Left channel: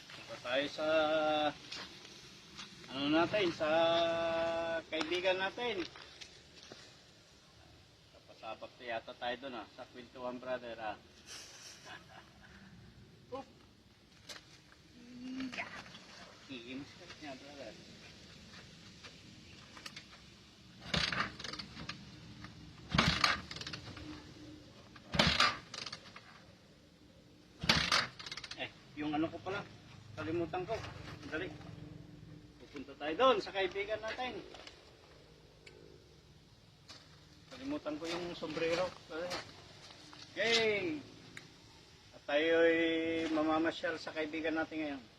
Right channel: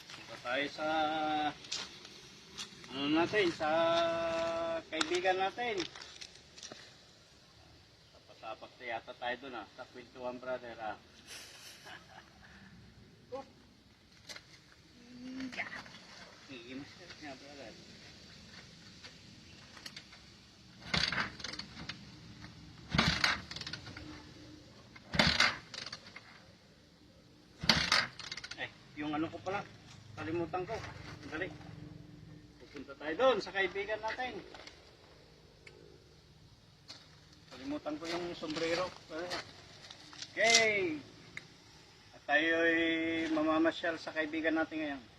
Punta tayo sa ano natin, sa kaibigan natin. Sapak na yata tayo doon sa Kwentuhan Brother Iimis ka niya brother. Yung ano ko pala, kalimutan ko. Dali. Pupunta tayo doon sa kaibigan natin. Kalimutan ko yung sombrero. Okay. At tayo ay mamamasyal sa kaibigan natin ngayon.